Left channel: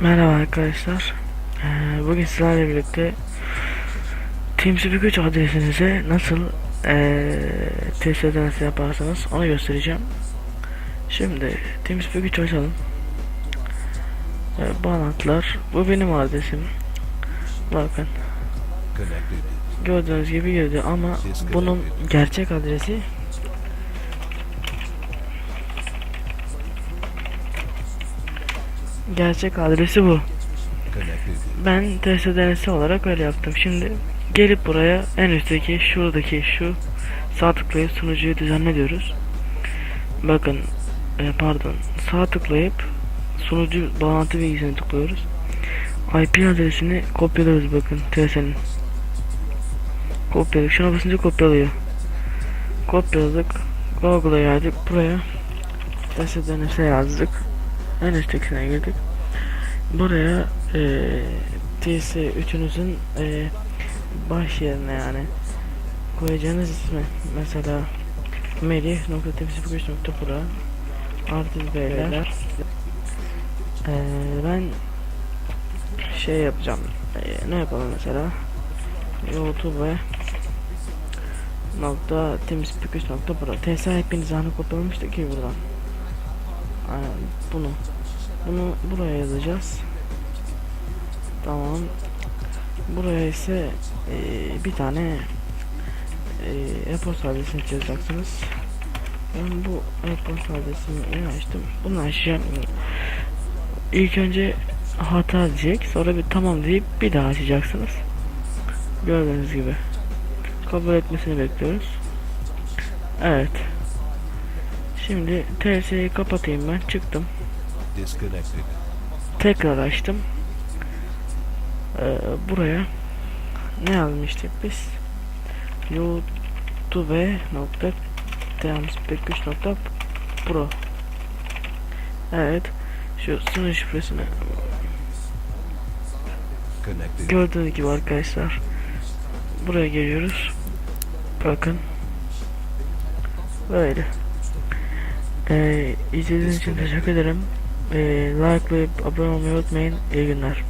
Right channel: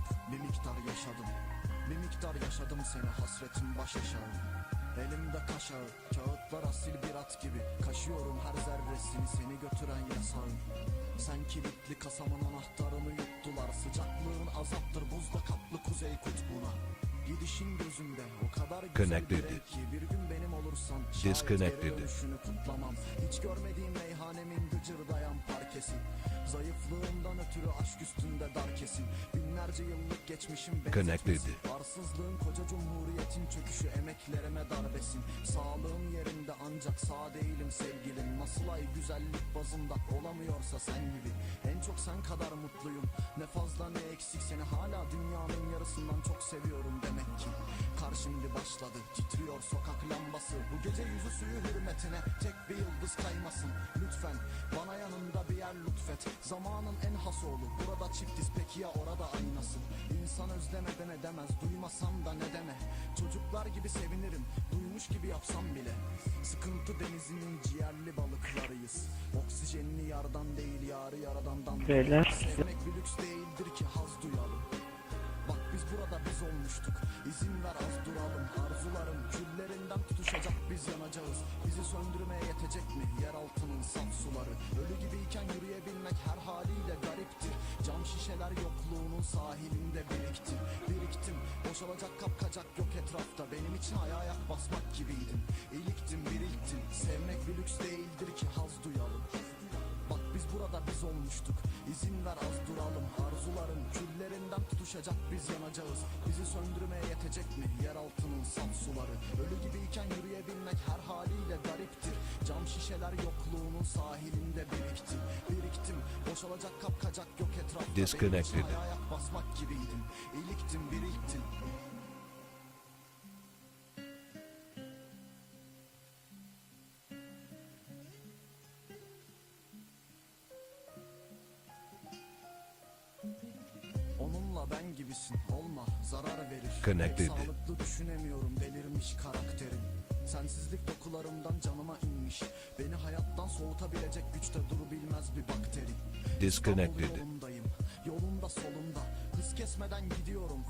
Merhaba arkadaşlar. Ee, bugün sizlerle birlikte TeamSpeak 3 adresinize nasıl ee, test ederse yaparsanız onu göstereceğim. Şimdi TeamSpeak 3 açalım. Ee, bağlantılar. Bu benim adresim. Bakın gördüğünüz gibi girdi ama bunun gerçek adresi gerçek adresi bu. Ben test denesi olarak öyle yaptım. Şimdi gelip buraya en üstteki şuradaki şu sağ tıklayıp sunucuyu düzenle diyoruz. Bakın e, pardon sağ tıklayıp sunucu bağlantı bilgisini tıklıyoruz. IP adresini kopyalıyoruz bakın TS'nin. Kopyaladık. Şuna basınca kopyalıyor. Kopyaladık. Google'a geldik. Buraya test denesi yazdık. En üsttekisine girdik. Buraya eee TS 3'ünüzün eee baş yerine yani koyacağınız ismi. Mesela melih.tepsi.pro artı beyler. Eee ben şey yapacağım. Eee, ne yapalım mesela? Youtube nokta temizlik nokta pro. TS hepiniz anı kopyalamıştık ki buradan bunu bunu buraya yazacağız Tamam. Buraya ise eee, bir tane eee e-posta adresini yazacaksınız. Ben bu e-posta adresini açtım. Bunu açacağım. İlk önce hata diyecek. Sonra bir tamam deyip bir daha açacaksınız. Gördüğünüz gibi. Kabul etmesini bekliyoruz. Evet. Şimdi TS'yi kapatayım ben. Çıktım. Disconnected. Tekrar açtım. Ee, buraya ne yazmıştık biz? youtube nokta nokta pro Evet şu sınır şifresini Connected. gördüğünüz gibi arkadaşlar buraya geliyoruz bakın böyle ee, izlediğiniz için teşekkür ederim. Ee, like ve abone olmayı unutmayın. İyi günler